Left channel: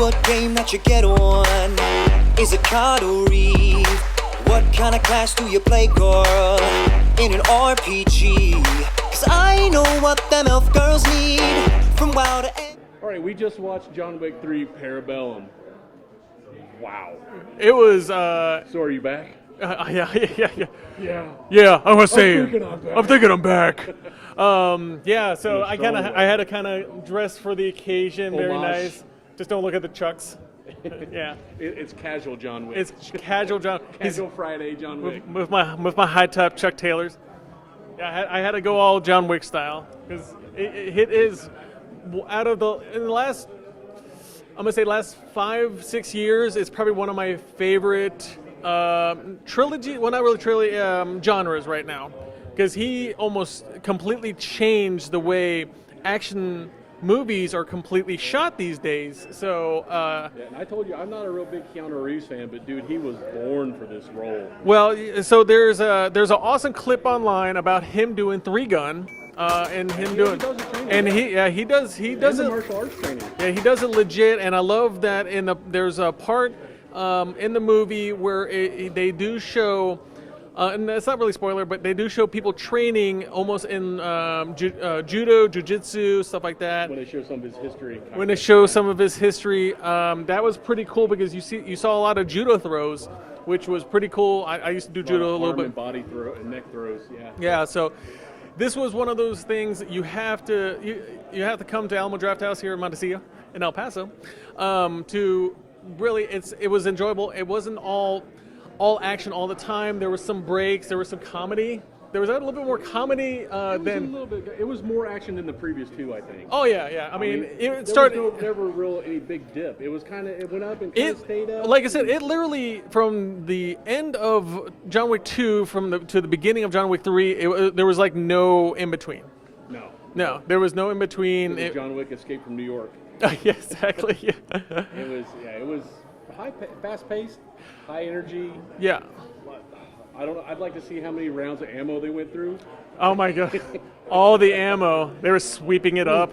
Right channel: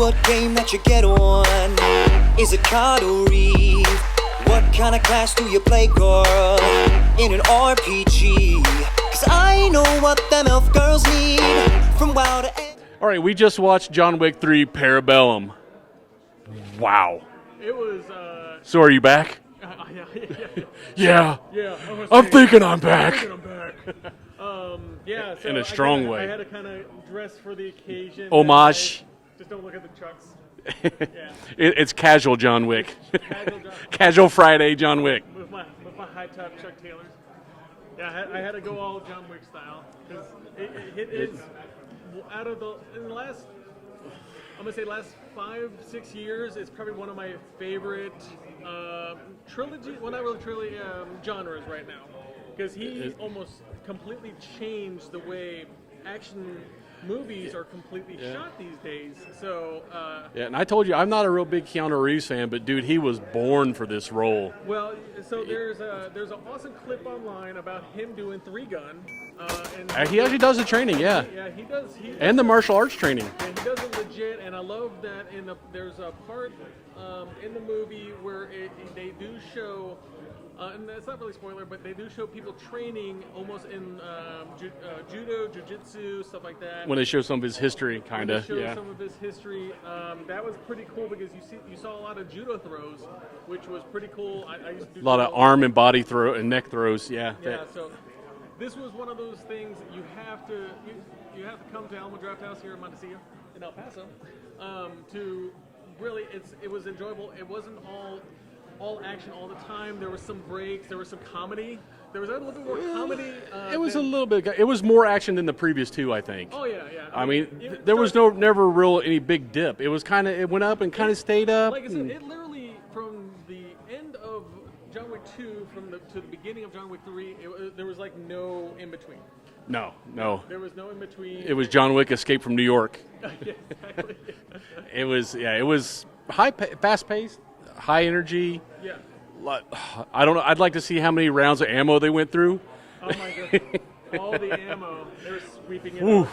what game that you get on. Is it card or Reeve? What kind of class do you play, girl? In an RPG? Cause I know what them elf girls need. From WoW to... All right, we just watched John Wick 3 Parabellum. Wow. It was... So are you back? Yeah. Yeah. I was saying, I'm thinking I'm back. I'm thinking I'm back. Yeah, so In a strong way. I had to kind of dress for the occasion. Homage. Nice. Just don't look at the chucks. Yeah. It's casual John Wick. It's casual John. Casual Friday John Wick. With my high top Chuck Taylors. Yeah, I had to go all John Wick style because it is out of in the last, I'm gonna say last 5-6 years, it's probably one of my favorite trilogy. Well, not really trilogy genres right now, because he almost completely changed the way action movies are completely shot these days. So yeah, and I told you I'm not a real big Keanu Reeves fan, but dude, he was born for this role. Well, so there's an awesome clip online about him doing 3-gun. And he already does the training. And he does. And the martial arts training. Yeah, he does it legit, and I love that. There's a part in the movie where they do show, and it's not really spoiler, but they do show people training almost in judo, jiu-jitsu, stuff like that. When they show some of his history. When they show some of his history, that was pretty cool because you saw a lot of judo throws, which was pretty cool. I used to do a lot judo of arm and body throw and neck throws. Yeah. Yeah. So. This was one of those things that you have to come to Alamo Drafthouse here in Montecito, in El Paso, to really. It was enjoyable. It wasn't all action all the time. There was some breaks. There was some comedy. There was a little bit more comedy. It was a little bit. It was more action than the previous two, I think. Oh yeah. I mean there was never real any big dip. It was it went up and kind of stayed up. Like I said, it literally from the end of John Wick 2 to the beginning of John Wick 3, there was like no in between. No, there was no in between. It was John Wick Escape from New York. Yeah, exactly. Yeah. It was fast paced, high energy. Yeah. I don't know. I'd like to see how many rounds of ammo they went through. Oh my god! All the ammo, they were sweeping it up.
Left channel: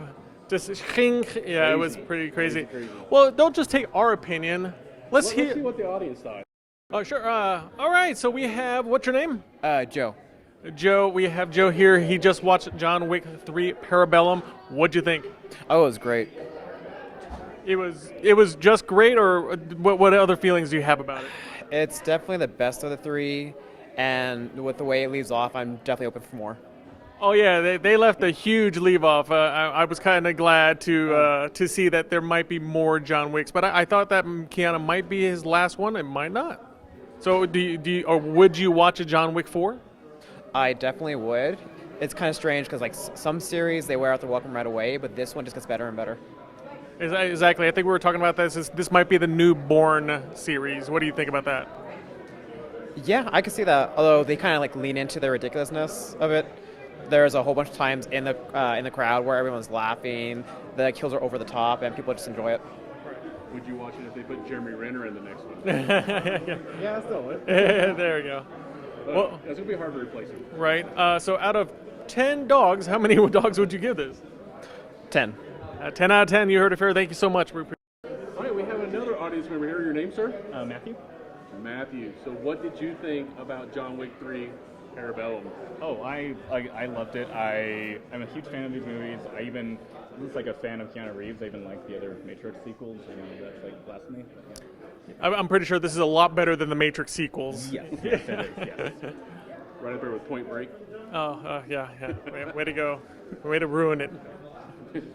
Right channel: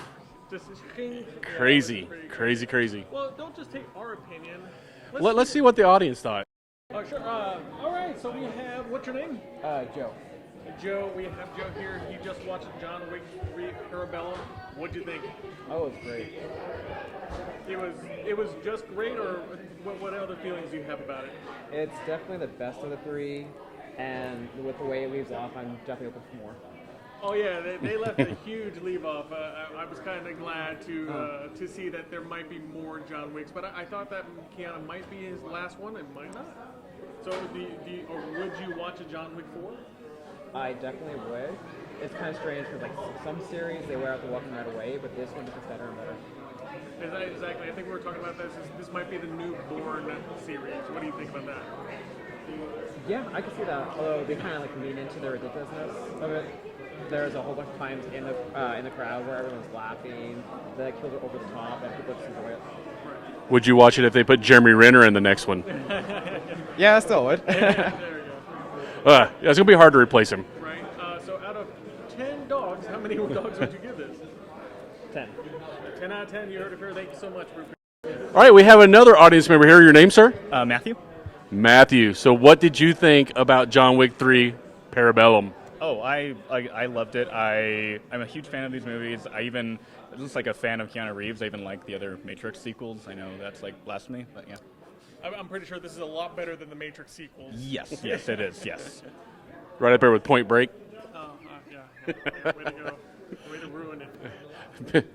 Just yeah, it was pretty crazy. Well, don't just take our opinion. Let's see what the audience thought. Oh sure. All right. So we have, what's your name? Joe. Joe. We have Joe here. He just watched John Wick 3 Parabellum. What'd you think? Oh, it was great. It was just great, or what other feelings do you have about it? It's definitely the best of the three, and with the way it leaves off, I'm definitely open for more. Oh yeah, they left a huge leave off. I was kind of glad to see that there might be more John Wicks, but I thought that Keanu might be his last one. It might not. So would you watch a John Wick 4? I definitely would. It's kind of strange because like some series they wear out the welcome right away, but this one just gets better and better. Exactly. I think we were talking about this. This might be the new Bourne series. What do you think about that? Yeah, I can see that. Although they kind of like lean into the ridiculousness of it. There's a whole bunch of times in the crowd where everyone's laughing, the kills are over the top, and people just enjoy it. Would you watch it if they put Jeremy Renner in the next one? Yeah, I still would. There we go. It's gonna be hard to replace him. Right. So out of 10 dogs, how many dogs would you give this? 10. 10 out of 10. You heard it fair. Thank you so much. All right, we have another audience member here. Your name, sir? Matthew. Matthew. So what did you think about John Wick 3 Parabellum? Oh, I loved it. I'm a huge fan of these movies. I'm just like a fan of Keanu Reeves. I even like the other Matrix sequels. I know that's like blasphemy, but yeah. I'm pretty sure this is a lot better than the Matrix sequels. Yes, it is, yes. Right up there with Point Break. Oh, yeah. Way to go. Way to ruin it.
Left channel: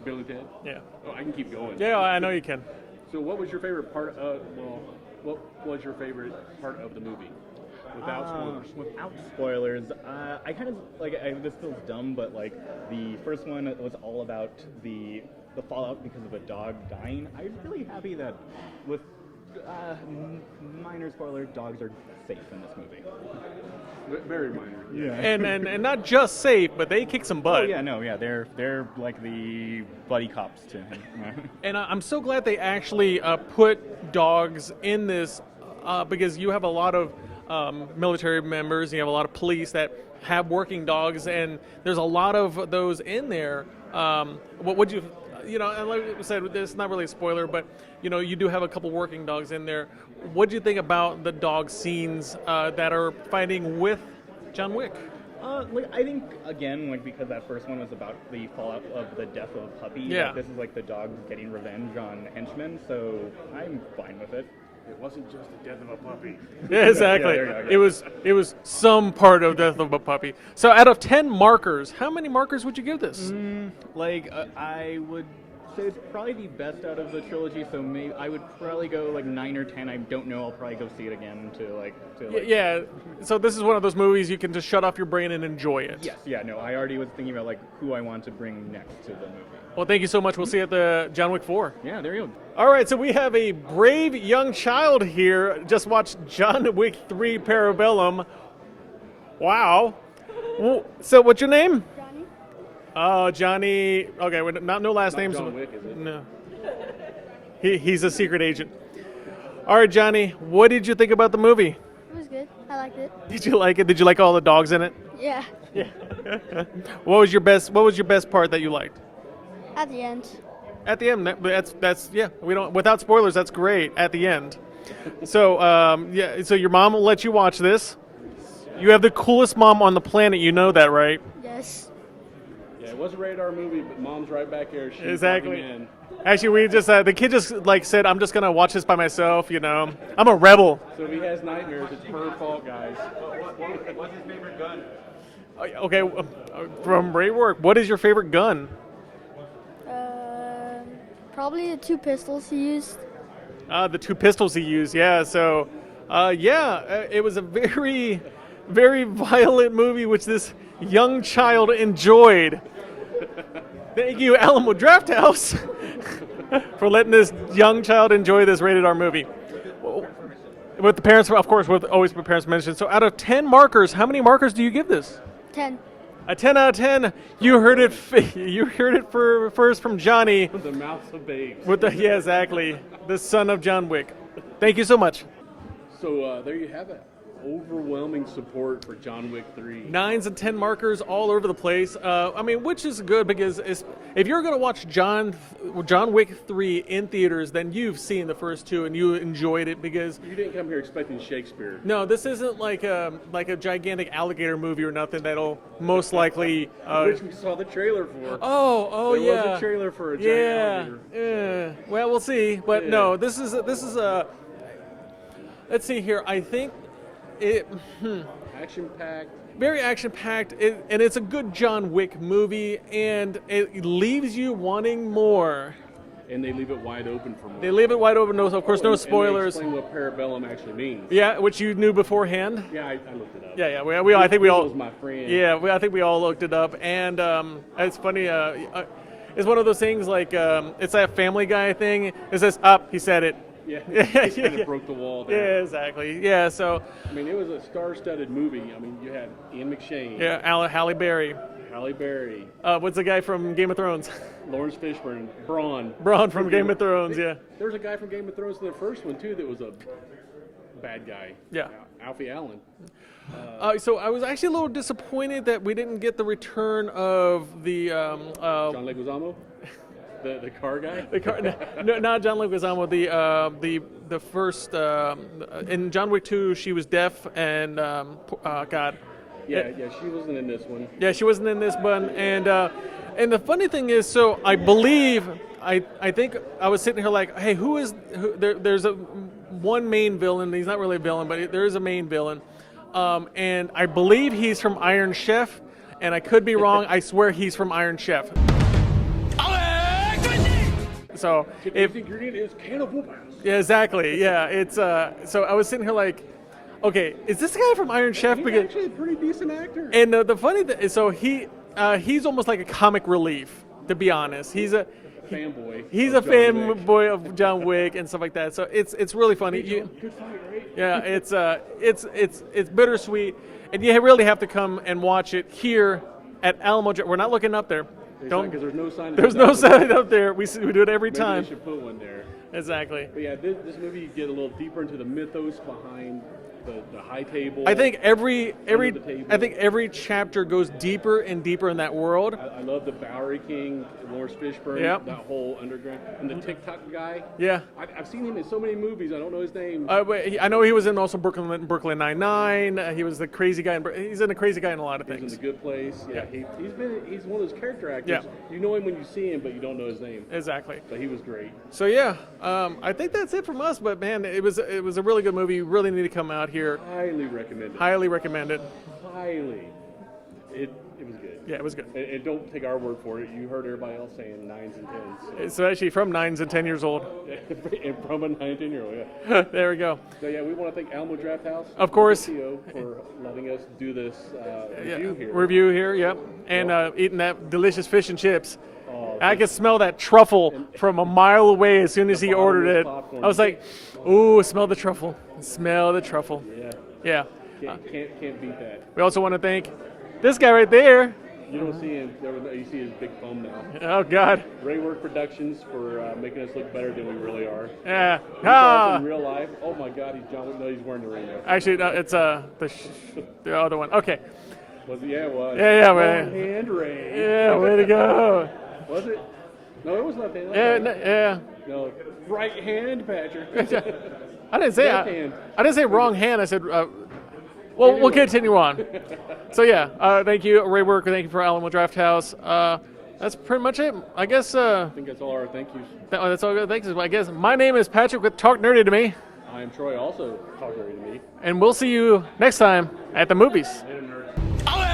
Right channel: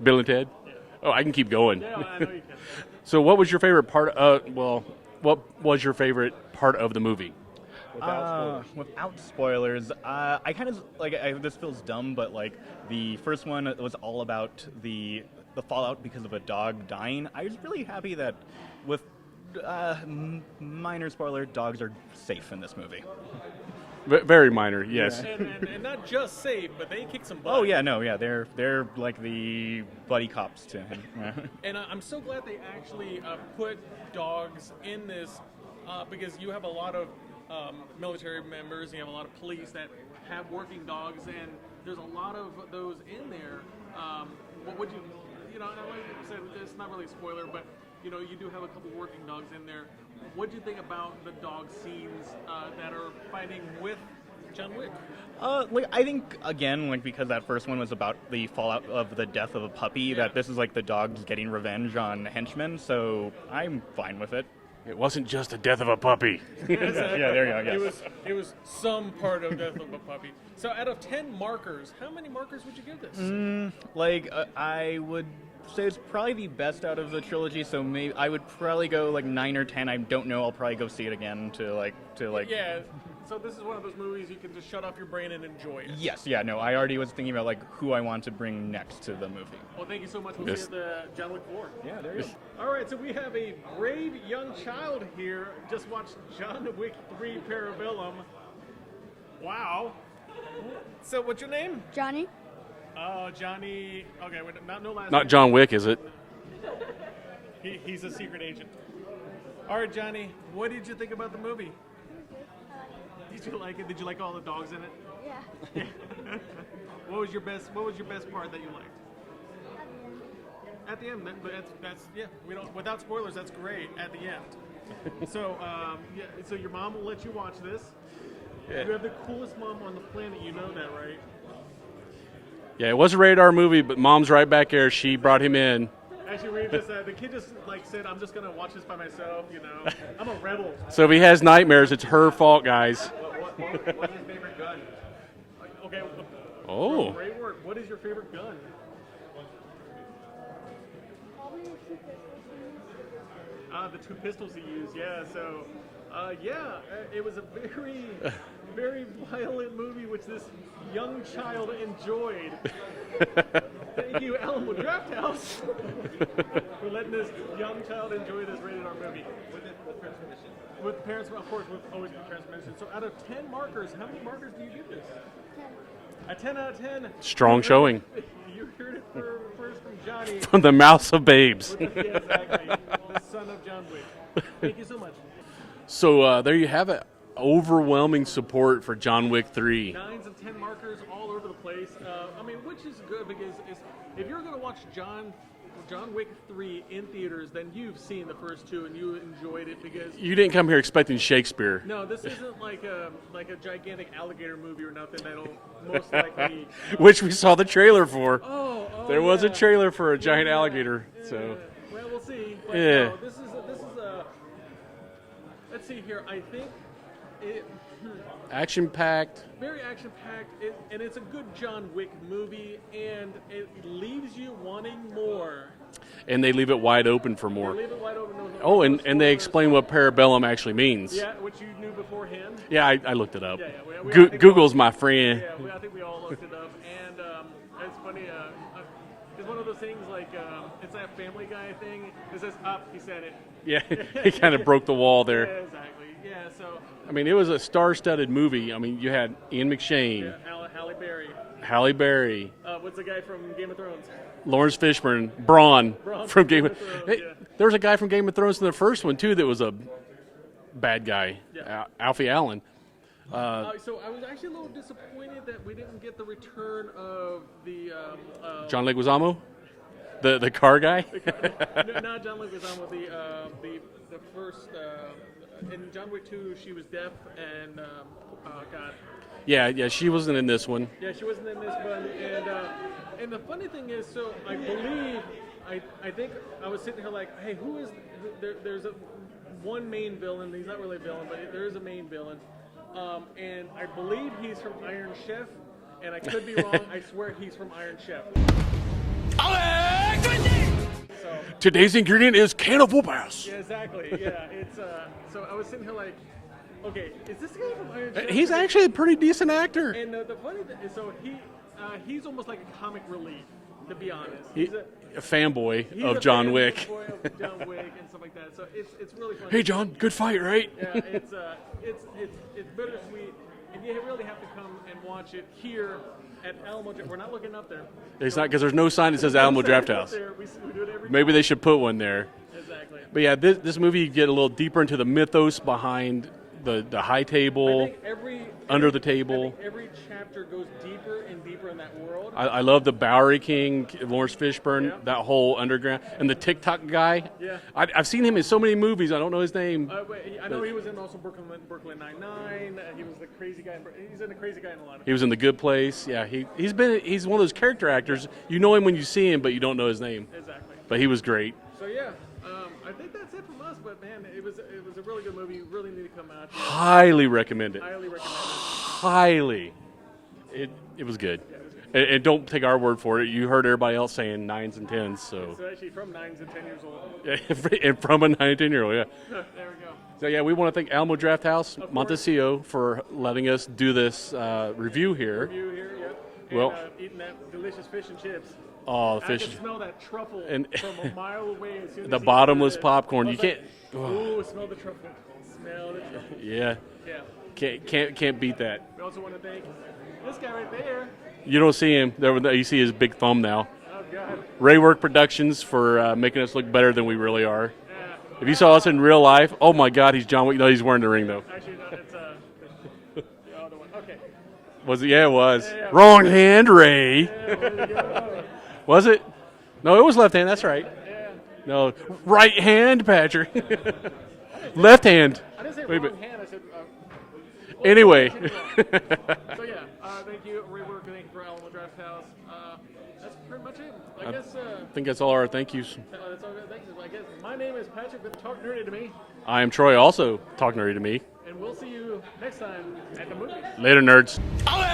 Bill and Ted? Yeah. Oh, I can keep going. Yeah, I know you can. So what was your favorite part what was your favorite part of the movie? Without spoilers, I kind of like this feels dumb, but like the first one was all about the fallout because of a dog dying. I was really happy that with minor spoiler, dogs are safe in this movie. Very minor, yes. Yeah. And not just safe, but they kick some butt. Oh yeah, no, yeah, they're like the buddy cops to him. And I'm so glad they actually put dogs in this because you have a lot of military members, and you have a lot of police that have working dogs, and there's a lot of those in there. What would you? and like I said, it's not really a spoiler, but you do have a couple working dogs in there. What do you think about the dog scenes that are fighting with John Wick? I think again, because that first one was about the fallout of the death of a puppy, Yeah. that this is like the dogs getting revenge on henchmen. So I'm fine with it. It wasn't just the death of a puppy. Yeah, exactly. Yeah, there you go, yeah. It was some part of Death of a Puppy. So out of 10 markers, how many markers would you give this? I would say it's probably the best out of the trilogy. So maybe I would probably go like 9 or 10. I don't know. I'll probably go see it again to Yeah. So this is one of those movies you can just shut off your brain and enjoy it. Yes. Yeah. No. I already was thinking about like who I want to bring next to the movie. Well, thank you so much. We'll see you at the John Wick 4. Yeah. There you go. All right, so we have a brave young child here. Just watched John Wick 3 Parabellum. Wow. Well, so what's your name? Johnny? Oh, Johnny. Okay, no last name. Not John Wick, is it? No. He's a secret agent. All right, Johnny, what did you think about the movie? It was good. I liked it. Did you like it? Did you like all the dogs in it? Yeah. What was your best part that you liked? At the end. At the end, that's yeah. We don't without spoilers. That's great. At the end. So So your mom will let you watch this. You have the coolest mom on the planet. You know that, right? Yes. Yeah, it was a rated R movie, but Mom's right back there. She brought him in. Actually, we just the kid just said, "I'm just gonna watch this by myself." I'm a rebel. So if he has nightmares, it's her fault, guys. What's his favorite gun? Okay, from great work. What is your favorite gun? Probably the 2 pistols he used. The 2 pistols he used. Yeah. So, it was a very, very violent movie, which this young child enjoyed. Thank you, Alamo Drafthouse, for letting this young child enjoy this rated R movie. With the parents, of course, always with parents mentioned. So, out of 10 markers, how many markers do you give this? 10. A 10 out of 10. Strong showing. You heard it first from Johnny. From the mouths of babes. Yeah, exactly. The son of John Wick. Thank you so much. So there you have it. Overwhelming support for John Wick 3. 9s and 10 markers all over the place. Which is good because if you're going to watch John Wick 3 in theaters, then you've seen the first 2 and you enjoyed it because You didn't come here expecting Shakespeare. no, this isn't like a gigantic alligator movie or nothing that'll most likely Which we saw the trailer for. there There was a trailer for a giant alligator. Yeah. So. Well, we'll see. But Yeah. no, this is a. Let's see here. I think it Action-packed. very action-packed, and it's a good John Wick movie, and it leaves you wanting more. And they leave it wide open for more. They leave it wide open. No, of course, no and spoilers. they explain what Parabellum actually means. Yeah, which you knew beforehand. Yeah, I looked it up. Yeah. I think Google's we all, my friend. Yeah, I think we all looked it up, and it's funny. It's one of those things like it's that Family Guy thing. It says up. He said it. Yeah, he kind of broke the wall there. Yeah, exactly. Yeah, so I mean, it was a star-studded movie. I mean, you had Ian McShane, Halle Berry. Halle Berry, What's the guy from Game of Thrones? Lawrence Fishburne, Braun from Game of Thrones. Hey, Yeah. there was a guy from Game of Thrones in the first one too that was a bad guy. Yeah. Alfie Allen. So I was actually a little disappointed that we didn't get the return of the John Leguizamo, the car guy. no, not John Leguizamo. The first in John Wick 2, she was deaf and God. Yeah, she wasn't in this one. Yeah, she wasn't in this one. And the funny thing is, so I believe I think I was sitting here like, hey, there's one main villain. He's not really a villain, but there is a main villain. And I believe he's from Iron Chef, and I could be wrong. I swear he's from Iron Chef. So Today's ingredient is can of whoop ass. yeah, exactly. Yeah, it's so I was sitting here like, okay, is this the guy from Iron Chef? He's Because- actually a pretty decent actor. And the funny thing is, so he's almost like a comic relief, to be honest. He's a fanboy he's of a John Wick. fanboy of John Wick and stuff like that. So it's really funny. Hey John, good fight, right? Yeah, it's bittersweet, and you really have to come and watch it here at Alamo. We're not looking up there. Because there's no sign that There's says no Alamo sign Drafthouse. up there. We do it every time. Maybe they should put one there. Exactly. But yeah, this movie, you get a little deeper into the mythos behind the high table. I think every Under the table. I think every chapter goes deeper and deeper in that world. I love the Bowery King, Laurence Fishburne, Yep. that whole underground, and the TikTok guy. Yeah. I've seen him in so many movies. I don't know his name. I know he was in also Brooklyn Nine-Nine. He was the crazy guy. He's in the crazy guy in a lot of. He was in The Good Place. Yeah, he's one of those character actors. Yeah. You know him when you see him, but you don't know his name. Exactly. But he was great. So yeah, I think that's it from us. But man, it was a really good movie. You really need to come out here. Highly recommend it. Highly recommend it. Highly. It was good. Yeah, it was good. And don't take our word for it. You heard everybody else saying 9s and 10s. So. It's actually from 9s and 10 years old. And from a 9 and 10-year-old, yeah. There we go. So yeah, we want to thank Alamo Drafthouse, Of course. Montecito, for letting us do this review here. Review here, yep. And Well- eating that delicious fish and chips. Oh, I fish- could smell that truffle And- from a mile away as soon as The he ordered bottomless it. popcorn. I was You like, ooh, smell the truffle. Smell the truffle. Yeah, Yeah. can't beat that. We also want to thank this guy right there. You don't see him. There, you see his big thumb now. Oh, God. Raywork Productions for making us look better than we really are. Yeah. If you saw us in real life, oh my God, he's John Wick. No, he's wearing the ring though. Actually, no, it's the other one. Okay. Was it? Yeah, it was. Yeah, Wrong right. hand, Ray. Yeah, way to go. Was it? No, it was left hand. That's Yeah, right. yeah. No, right hand, Patrick. I didn't say Left hand. I didn't say wrong hand. I said. Anyway. We'll continue on. So yeah, thank you, Ray Worker. Thank you for Alamo Drafthouse. That's pretty much it. I guess I think that's all our thank yous. that's all good. Thanks. I guess my name is Patrick with Talk Nerdy to Me, I am Troy, also talk nerdy to me. and we'll see you next time at the movies. Later, nerds. Ole!